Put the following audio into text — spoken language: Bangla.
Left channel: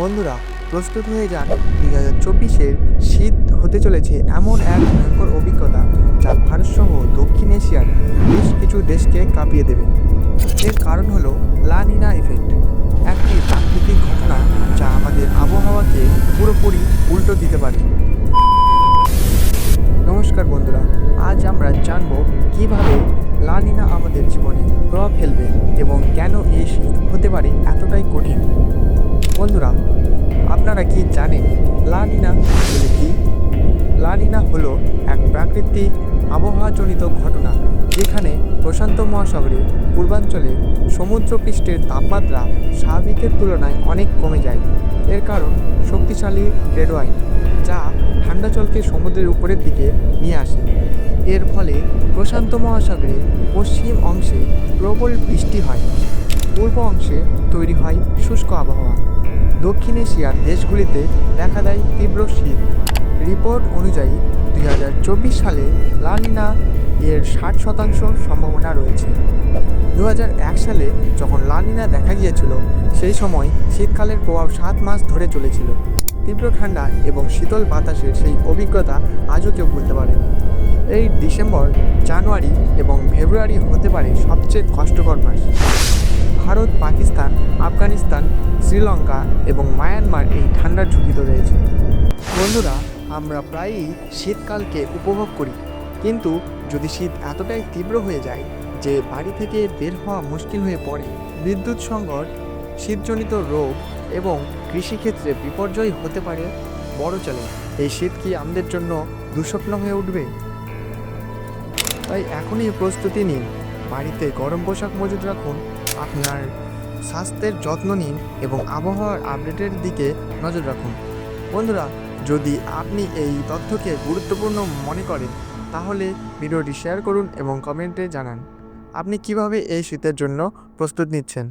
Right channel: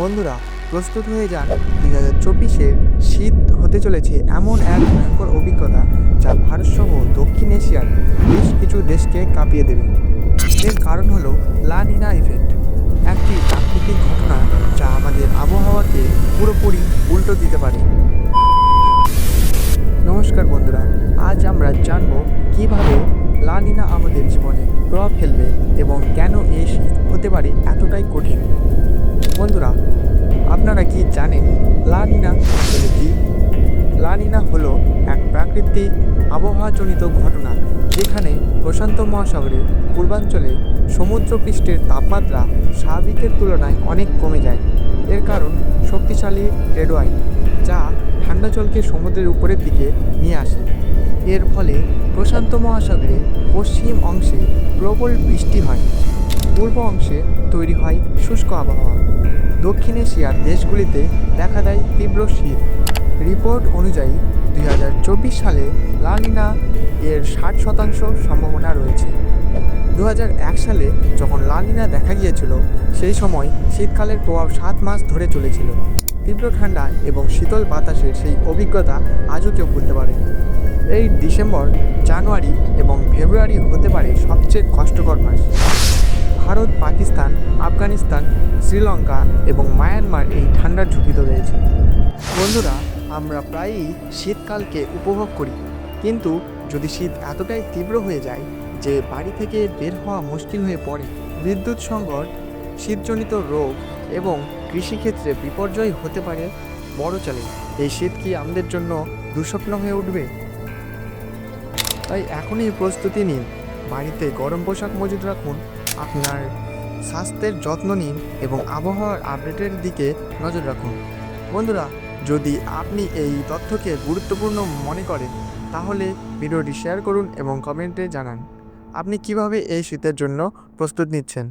বন্ধুরা, প্রস্তুত হয়ে যান। 2024-এর শীত হতে চলেছে এমন এক ভয়ঙ্কর অভিজ্ঞতা যা ভারতসহ দক্ষিণ এশিয়ার বেশ কিছু দেশকে কাঁপিয়ে দেবে। এর কারণ হলো লা নিনা ইফেক্ট, একটি প্রাকৃতিক ঘটনা যা আমাদের আবহাওয়াকে পুরোপুরি উল্টো দিতে পারে। নমস্কার বন্ধুরা, আজ আমরা জানব কিভাবে লা নিনা আমাদের জীবনে প্রভাব ফেলবে এবং কেন এই শীত হতে পারে এতটাই কঠিন। বন্ধুরা, আপনারা কি জানেন লা নিনা আসলে কি? লা নিনা হলো এক প্রাকৃতিক আবহাওয়াজনিত ঘটনা যেখানে প্রশান্ত মহাসাগরের পূর্বাঞ্চলে সমুদ্রপৃষ্ঠের তাপমাত্রা স্বাভাবিকের তুলনায় অনেক কমে যায়। এর কারণ শক্তিশালী ট্রেড ওয়াইন্ড, যা ঠান্ডা জলকে সমুদ্রের উপরের দিকে নিয়ে আসে। এর ফলে প্রশান্ত মহাসাগরের পশ্চিম অংশে প্রবল বৃষ্টি হয়, পূর্ব অংশে তৈরি হয় শুষ্ক আবহাওয়া। দক্ষিণ এশিয়ার দেশগুলিতে দেখা দেয় তীব্র শীত। রিপোর্ট অনুযায়ী 2024 সালে লা নিনা এর 60% সম্ভাবনা রয়েছে। 2001 সালে যখন লা নিনা দেখা গিয়েছিল, সেই সময় শীতকালের প্রভাব 7 মাস ধরে চলেছিল। তীব্র ঠান্ডা এবং শীতল বাতাসের সেই অভিজ্ঞতা আজও কেউ ভুলতে পারেনি। এই ডিসেম্বর, জানুয়ারি এবং ফেব্রুয়ারি হতে পারে সবচেয়ে কষ্টকর মাস। ভারত, পাকিস্তান, আফগানিস্তান, শ্রীলঙ্কা এবং মায়ানমার এই ঠান্ডার ঝুঁকিতে রয়েছে। বন্ধুরা, আমরা প্রায়ই শীতকালকে উপভোগ করি, কিন্তু যদি শীত এতটাই তীব্র হয়ে যায় যে বাড়ি থেকে বের হওয়া মুশকিল হয়ে পড়ে, বিদ্যুৎ সংকট, শীতজনিত রোগ এবং কৃষিক্ষেত্রে বিপর্যয় হতে পারে বড় চ্যালেঞ্জ। এই শীত কি আমাদের জন্য দুঃস্বপ্ন হয়ে উঠবে? তাই এখনই প্রস্তুতি নিন, বাড়িতে গরম পোশাক মজুদ রাখুন, আপনার স্বাস্থ্যের যত্ন নিন এবং আবহাওয়ার আপডেটের দিকে নজর রাখুন। বন্ধুরা, যদি আপনি এই তথ্যকে গুরুত্বপূর্ণ মনে করেন তাহলে ভিডিওটি শেয়ার করুন এবং কমেন্টে জানান আপনি কিভাবে এই শীতের জন্য প্রস্তুত নিচ্ছেন।